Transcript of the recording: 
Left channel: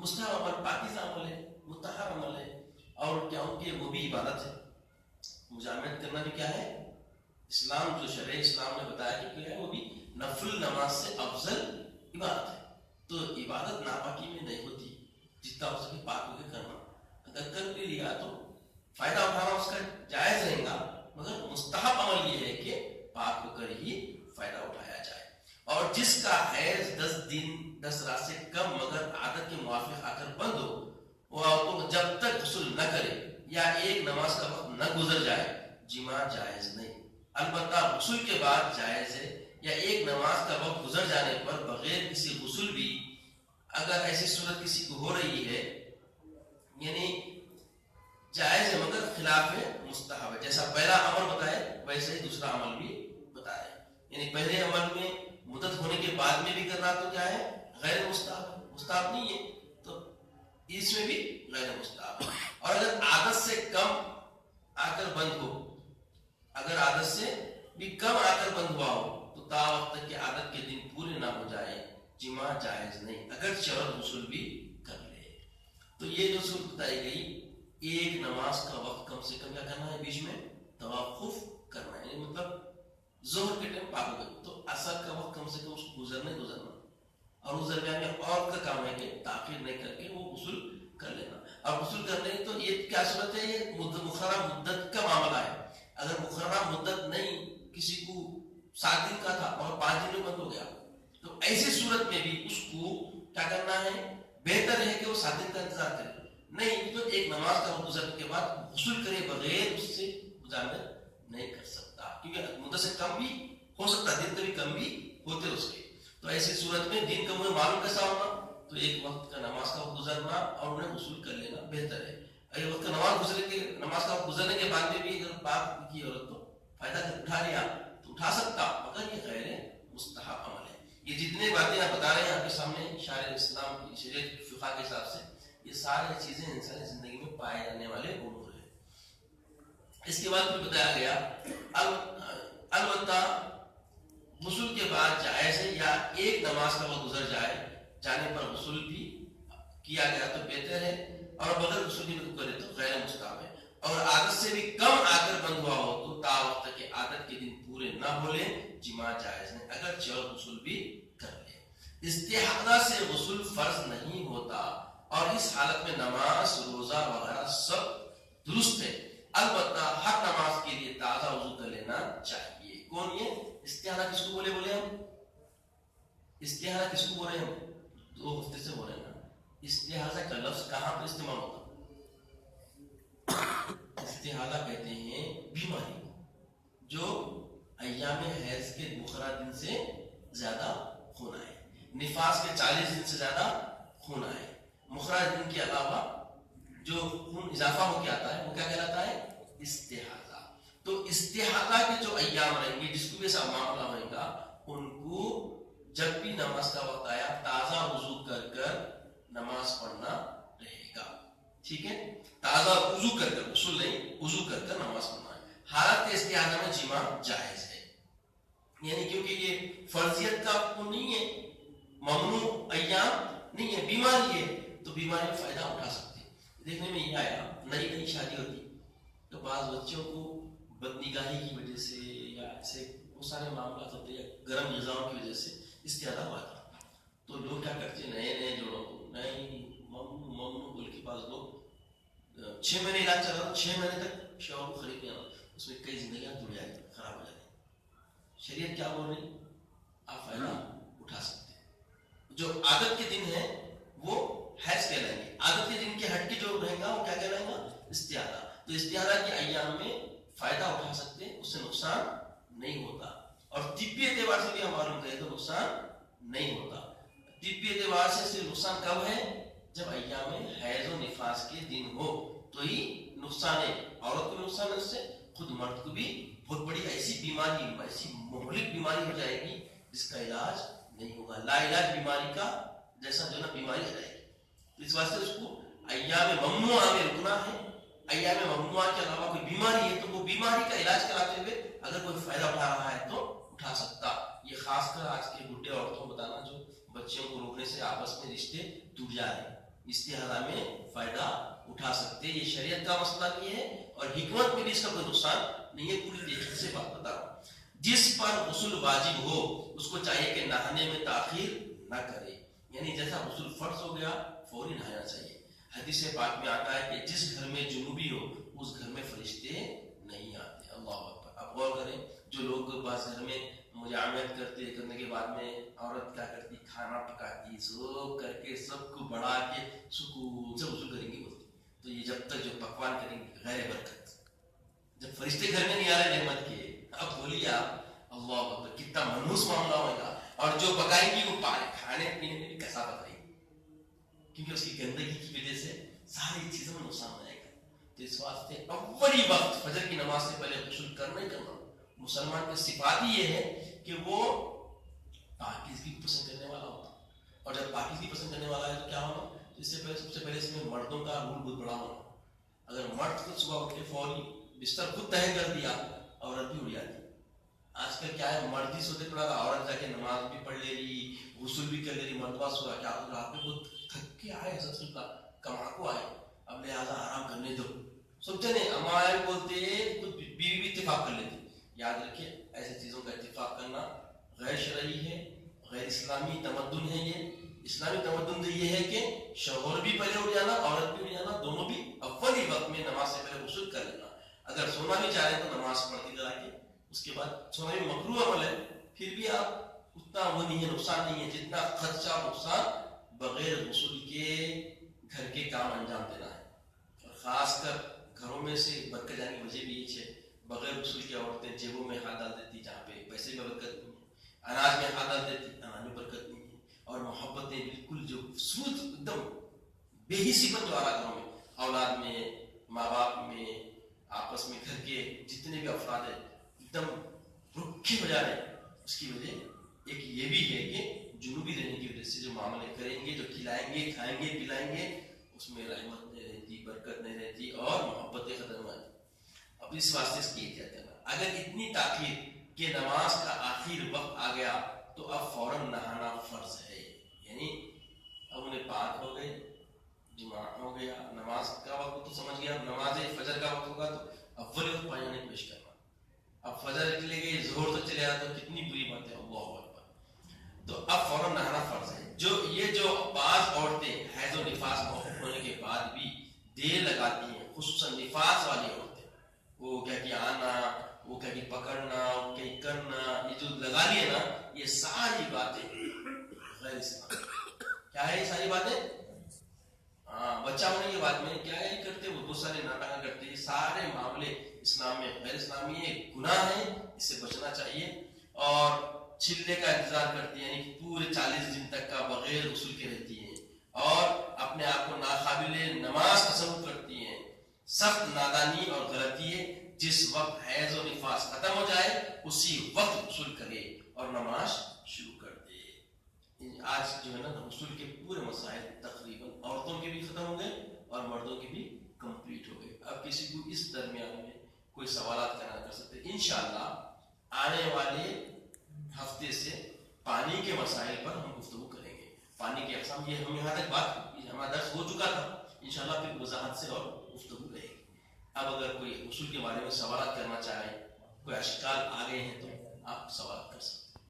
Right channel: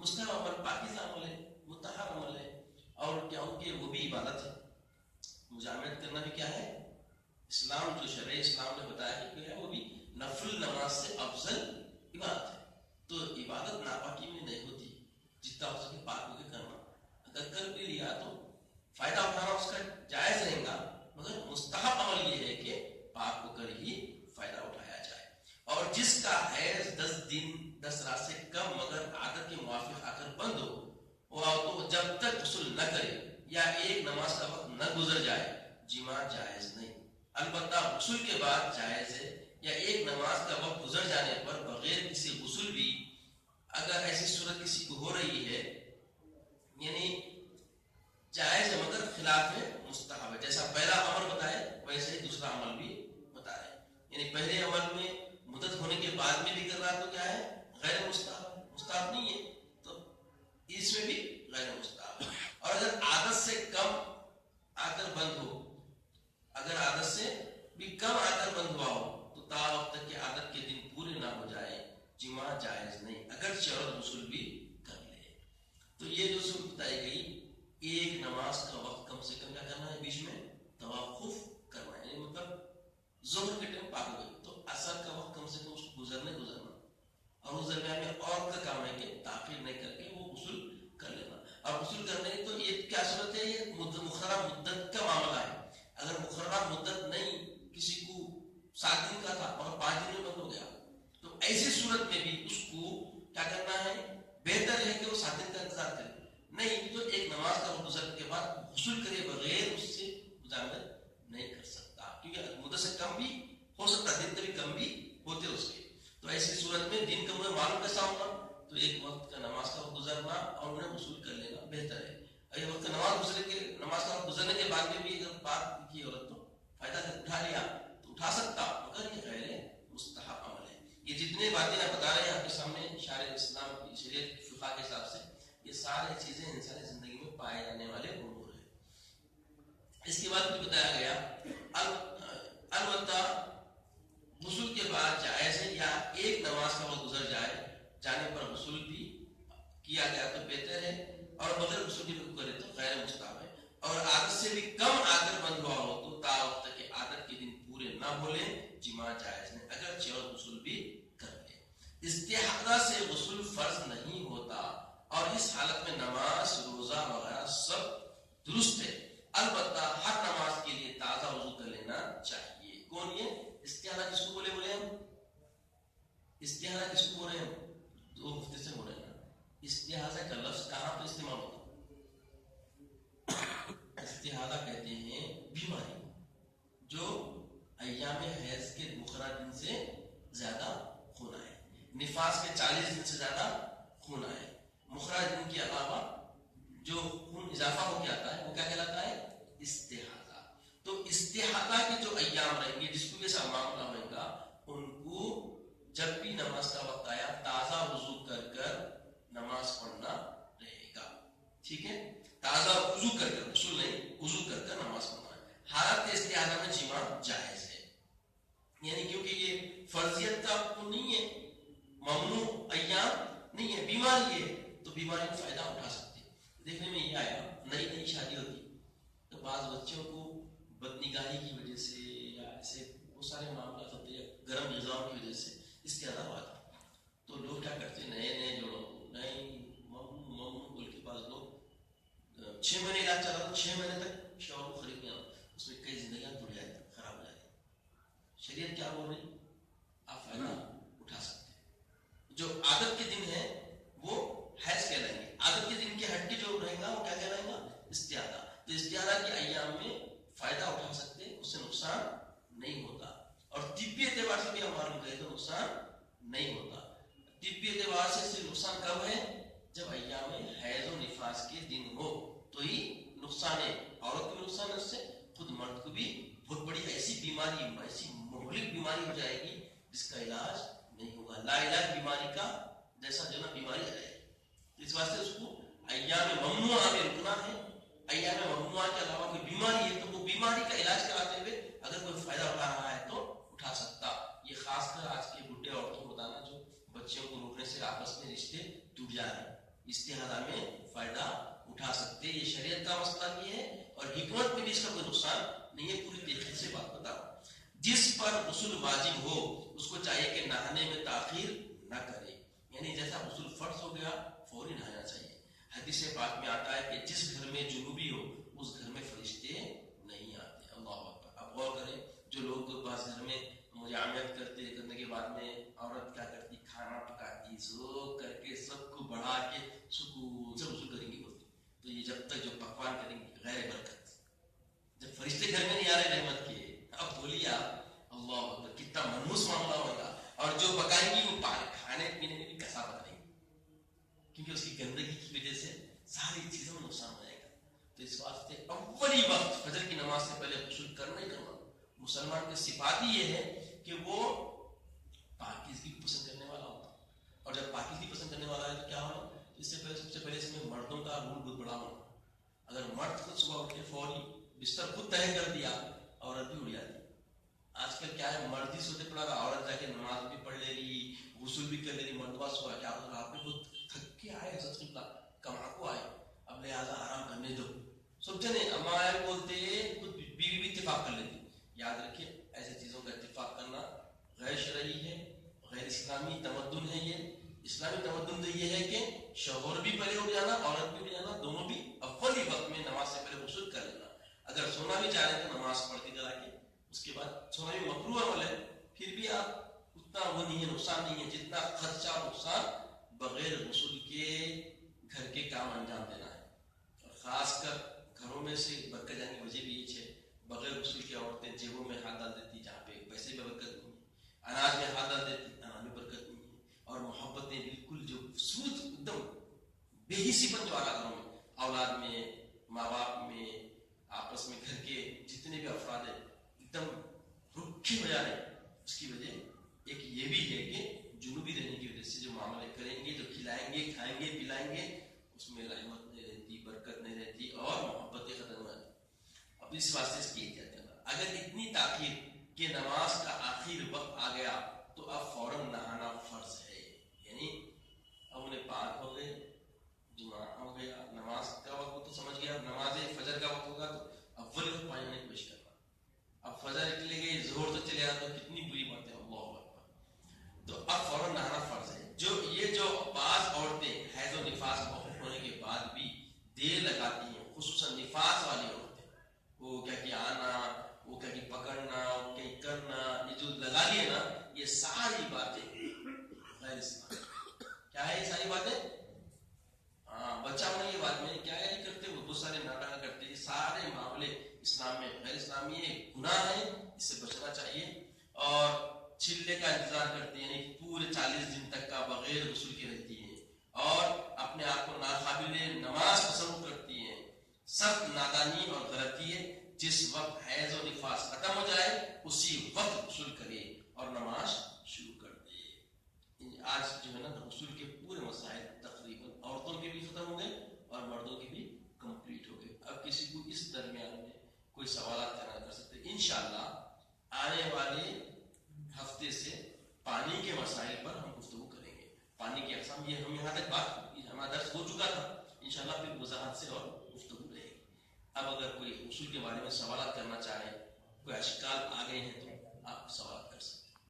مستحب عمل پاکیزہ عمل ہے، مطہر عمل ہے، اور کیا ہو کہ وہ بھی عبادت ہے. مجامعت کرنا بھی کیا ہے؟ اسلام جو شرع اسلام نے بتایا کہ کیا ہے وہ بھی نفل نماز سے افضل عبادت ہے. تو عبادت ناپاکی میں نہیں ہوتی، جتنا ہو سکے پاک ہو کے کرنا. اگر کر بھی لیا تو فائدہ اٹھانا اس کا جائز رہے گا، مگر مستحب عمل یہ ہے کہ پاک ہو کر ہی فائدہ اٹھایا جائے. اور جس کا حیض 10 دن 10 رات سے کم مگر عادت کے موافق آ کر بند ہو، وہ تو جب تک غسل نہ کرے یا ایک نماز کا وقت نہ گزر جائے جماع جائز نہیں. البتہ غسل کے بعد جائز ہے، یا ایک نماز کا وقت گزر جانے پر بغیر کسی غسل بھی اگر ایسی صورت کسی کو ہو رہی ہے، یعنی جائز ہے مگر خلاف مستحب ہے. جیسا پہلا عمل بتائے ویسے ہی دوسرا عمل بھی بتائے. یعنی پہلے عمل میں مدت ہونے کے بعد میں بھی کرنا تو کیا ہے؟ غیر مستحب، مستحب نہیں ہے. تو اس میں بھی غیر مستحب. اور اگر عادت سے کم آ کر بند ہو، اگر عادت سے بھی کم آ کر بند ہوا ہو تو تا وقت تک کہ عادت کے دن پورے نہ ہو جائے جماع جائز نہیں، اگر شرط غسل بھی کر لے. تو یہ جو صورت بتائی گئی، ایک نماز کا وقت کم سے کم کیا کرنا ہے؟ بیچ میں توقف کرنا ہے. یعنی مطلب ظہر کے ٹائم پاک ہو گئی تو عصر کا وقت کم سے کم اس کو گزرنا. اور اس درمیان میں اور کا کام ہے کہ تاخیر نہیں کر کے وہ غسل کر لینا. اور غسل کرنے تو یہ کیا صورت ہے؟ یہ مقررہ مدت کا معاملہ ہے. اگر مقررہ مدت نہیں، کسی کو 7 دن کا تھا اور 5 دن میں بند ہو گیا، تو ایسی صورت میں بھی اس کو کیا کرنا ہے؟ بہتر ہے کہ وہ 7 دن کا انتظار کرے. نہیں تو ایک نماز کا گزرنے کے بعد غسل کرے بغیر اس سے مجامعت نہیں کر سکتا، کیونکہ مدت سے کم بھی ہو سکتا، دن کبھی کم بھی ہوتے اس کے. تو ایسی صورت میں دن کا مجھے معلوم کیسا ہونا؟ تو ایک وقت کا نماز کا گزرنا اور انہیں غسل کر لینا بہتر ہے. اگر وقت کا نماز کا گزرنے کے بعد میں بھی اگر پاک کی عورت تو فائدہ اٹھا لیا تو اٹھا سکتا، مگر یہ غیر مستحب عمل ہے. یہ جتنے باتیں آپ بتا رہے ہیں آپ کے سامنے شارع اسلام کی شریعت کی فقہ کے حساب سے، یہ ساری چیزیں انسانی زندگی میں پائے جانے والے امور ہیں. اس کے بعد پھر بتایا گیا البتہ غسل کے بعد جائز ہے، یا ایک نماز کا وقت گزر جانے پر غسل بھی کیا گیا تو بہتر ہے، اور بغیر غسل کے بھی کرے تو غیر مستحب ہے. اور عادت سے بھی کم آ کر بند ہوا ہو تو تا وقت تک کہ عادت کے دن پورے نہ ہو لے جماع جائز نہیں، اگر چور غسل بھی کر لے. استحاضہ سے غسل فرض نہیں ہوتا، اور اس حالت میں نماز روزہ وغیرہ سب درست ہے. البتہ ہر نماز کے لیے تازہ وضو کر لینا چاہیے. کون یہ استحاضہ کس کو بولے ہم؟ استحاضہ کس کو بولے ہم؟ 2 ہفتے سے بولے نا. استحاضہ کا لفظ کہاں پر استعمال ہوتا؟ استحاضہ کہتے ہیں بیماری جو ایام حیض کے مقررہ دن سے زیادہ خون آئے، نفاس کے 40 دن سے زیادہ خون آئے، مقررہ دن کے علاوہ جو خون اضافہ ہو کے آتا ہے وہ کیا کہلاتا ہے؟ استحاضہ. تو استحاضہ کے جو ایام رہیں گے، جس کو بھی ایسا معاملہ ہوئے گا، ان کو جب بھی نماز کا وقت آیا تازہ وضو کر کر نماز پڑھنا رہے گا. ٹھیک ہے، تازہ وضو کر کر، غسل نہیں، وضو کر کر نماز پڑھنا ہے. حالت استحاضہ میں جماع جائز ہے، یعنی کیونکہ یہ فرضیت کا وہ نہیں ہے، ممنوع ایام نہیں ہے، بیماری ہے تو بیماری میں فائدہ اٹھا سکتے. دیکھنے میں یہ آیا، نئی شادی ہوتی تو بعض بچوں کو بد نگاہی کی وجہ سے یا ایسے وہ سارے معاملات ہوتے ہیں، گرم غذاؤں کی وجہ سے استحاضہ ہوا تھا. تو لوگ کیا کرتے ہیں، نئے جوڑوں کو نہیں ممنوع بول کے بعض لوگ 6 مہینے علاج چلا رہا، 6 مہینے تک شوہر کو خرید نہیں آنا، اس میں کئی زندگیاں جڑ جائیں، خراب ہو جاتی. شریعت کیا بول رہی؟ آپ فائدہ اٹھا سکتے ہیں. جو عادت کے دن ہیں وہ حیض کہلائیں گے، عادت کے دن کے ہٹ کے جو رہے گا وہ کیا کہلائیں گا؟ استحاضہ. تو استحاضہ کے ایام میں فائدہ اٹھا سکتے ہیں، اس سے نقصان نہیں ہوتا. اور طبی اعتبار سے بھی ہم معلوم کریں تو نقصان نہیں ہوتا. طبی اعتبار سے صرف نقصان کب ہے؟ جب ایام حیض و نفاس کے دن ہو تو ہی نقصان ہے. عورت کو بھی نقصان ہے اس سے، خود مرد کو بھی بہت بڑی ایسی بیماری، ایسی مہلک بیماری ہو جائے گی جس کا علاج نہیں ہوگا. لا علاج بیماری کا جیسا جو نا بیماری آ جائے گی. تو اس واسطے اس کو ایام ممنوعہ میں رکنا ہے. ایام ممنوعہ کے علاوہ کوئی بیماری ہے تو وہ بیماری کا علاج کراتے ہوئے اگر کوئی فائدہ اٹھا رہا ہے تو اٹھا سکتا. یہ خاص کر آج کے بڈھے عورتوں کو بتانا جو بچوں کو روکنے سے آپس میں رشتے ٹوٹ جا رہے ہیں، اس مسئلہ بھی ہے اور حکمت میں بھی اس کا کوئی نقصان نہیں ہے. پوری تحقیق سے بات بتا رہا ہوں. جس پر غسل واجب ہو اس کو چاہیے کہ نہانے میں تاخیر نہ کرے، یعنی جیسا غسل فرض ہو گیا فوری نہانا چاہیے. حدیث پاک میں آتا ہے کہ جس گھر میں جنوبی ہو اس گھر میں فرشتے نہیں آتے. اللہ اکبر. آپ غور کریں، جو لوگ بعض گھر میں مجامعت کرنے کے بعد میں عورت کیا کرتی، کھانا پکاتی، سب کر کے سب کو بڑھا کے سکون سے غسل کریں گی بولتی، تو یہ جب تک جو پکوان کریں گے غیر برکت. جب فرشتے گھر میں نہیں آ رہے نعمت کے، اب بولیے آپ اللہ اکبر کتنا منحوس معاملہ ہوئے گا. اور جو پکائے گی وہ کھانے پینے میں بھی کثافت رہے گی، کیونکہ اس کی گندگی کی وجہ سے ساری چیزوں میں نقصان ہو جائے گا. تو اس واسطے اولی وقت فجر کی نماز سے پہلے غسل کرنا ہی کرنا. مسلمان کی صفات ہی یہ ہے کہ وہ پاکیزگی کو پسند کرنے والا ہوتا، اور جب پاکیزگی پسند کرنے والا ہے تو کیا ہونا، اس سے پہلے سب سے پہلے اس میں مردوں کا رول بہت بڑا ہونا. اگر مرد خود صبح اٹھ کے فوری بستر خود تہہ کر دیا، عورت بھی اڑ جاتی. آج کل کیا ہے، مرد ہی سوتے پڑا رہا، عورت جا کے نماز بھی پڑھ لے رہی، غسل بھی کر لے رہی. مردوا سوا کیا ہو رہا ہے، بہت تھک کے آئے حضرت قبلہ کما کو آئے، اب لہٰذا آرام کرنے دو. سب جنے ہمارے بولتے بیوی بھی اتفاق کر لیتی. یاد رکھیں ایسی چیزوں کا اتفاق کرنا غیر شرعی ہے، غیر اسلامی تمدن ہے. یہ اسلامی تمدن تو یہ ہے کہ شوہر بھی پہلے اٹھ جانا، عورت بھی اٹھ جانا، دونوں بھی اول ہی وقت میں نماز سے پہلے غسل کر لینا. اگر سونا بھی چاہیں تو نماز پڑھ کے کرا کے اس کے بعد سونا بھی مکروہ عمل ہے، پھر بھی آپ اتنا وہ نہیں ہے، نقصان نہیں ہے جتنا خدشہ اور نقصان بغیر غسل کے گھر کے کام انجام دینا ہے. اور خاص کر گھروں میں سے برکت جانے کی وجہ بھی یہ ہے، بغیر غسل کے عورتیں جیبوں میں ہاتھ ڈال دیتی جہاں پہ پیسے میں برکت نہیں ہے، اناج میں ہاتھ ڈال دیتی اناج میں برکت نہیں ہے. اور محبتیں بالکل جو سود ایک دم بے حسی پن جو آ رہا گھروں میں، اولاد میں، ماں باپ میں، آپس میں گھر کے جتنے بھی افراد ہیں ایک دم رکھے ہو جا رہے ہیں. اس کی وجہ ایک یہ بھی ہے کہ جنوبی رہنے کی وجہ سے جو معاملے کریں گے، جو کھلائیں گے، کھائیں گے، پلائیں گے، اس میں رحمت نہیں رہتی، برکت نہیں رہتی اور محبتیں ختم ہو جاتی. اب اس واسطے اس کی احتیاط کرنا. اگر اتنی تاخیر کہ نماز کا آخر وقت آ گیا تو اب فوراً نہانا فرض ہے. یعنی اب انہیں پاک ہو گئے، جمعہ ہو گیا، نماز کا وقت تو سمجھ گیا، نماز فجر کا وقت ہوگا تو اول وقت پانی نہیں پیش کرنا. اب فجر نکلے گئی، ظہر تو چلے گا تو کتنی بری بات ہے. اللہ اکبر. تو اب فوراً نہانا فرض ہے. جو بعض عورتیں حیض و نفاس ہونے کے بعد بھی دیر لگاتی ہیں، خصوصاً نفاس والی عورتیں، وہ کیا کہ آنا، وہ کیا کہ پکڑنا، وہ کہیں کرنا، یہ جو لگا لیے نا، یہ ساری باتیں غیر اسلامی. کیا ہے یہ ساری باتیں؟ بچہ ہونے کے بعد میں کیا ہے کرتے، وہ بہت سارے ناٹک کرتے. یہ سارے معاملے اسلام میں غیر اسلامی ہے، گناہ ہے، اس سے بچنا چاہیے. اور چھلنے کا انتظار کرتی ہیں، یعنی پورے 40 دن تک کا بغیر غسل کے رہتی ہیں اور اپنے آپ کو ناقابل نماز تصور کرتی ہیں. سخت نادانی اور غلطی ہے. جس وقت حیض و نفاس ختم ہو جائے اسی وقت غسل کرے اور نماز شروع کر دے. آج جو ہے نا غسل کے پورے مسائل تقریباً عورتوں کے بھی ختم ہو گئے اور مردوں کے بھی کمپلیٹ ہو گئے. اب کسی کو اس درمیان میں کوئی سوالات کرنا کر سکتے. انشاءاللہ آنے والے ہفتے سے پانی کے مسائل پر ہم گفتگو کریں گے. پانی کی اقسام، یہ ہم یہاں تک بات ہمارا درس ہو چکا تھا، انشاءاللہ پھر وضاحت سے اور گفتگو رہے گی. اب اگر کوئی غسل کے بارے میں سوالات کرنا چاہے، کوئی اشکال آ گئے ہیں تو آپ سوالات کر سکتے ہیں.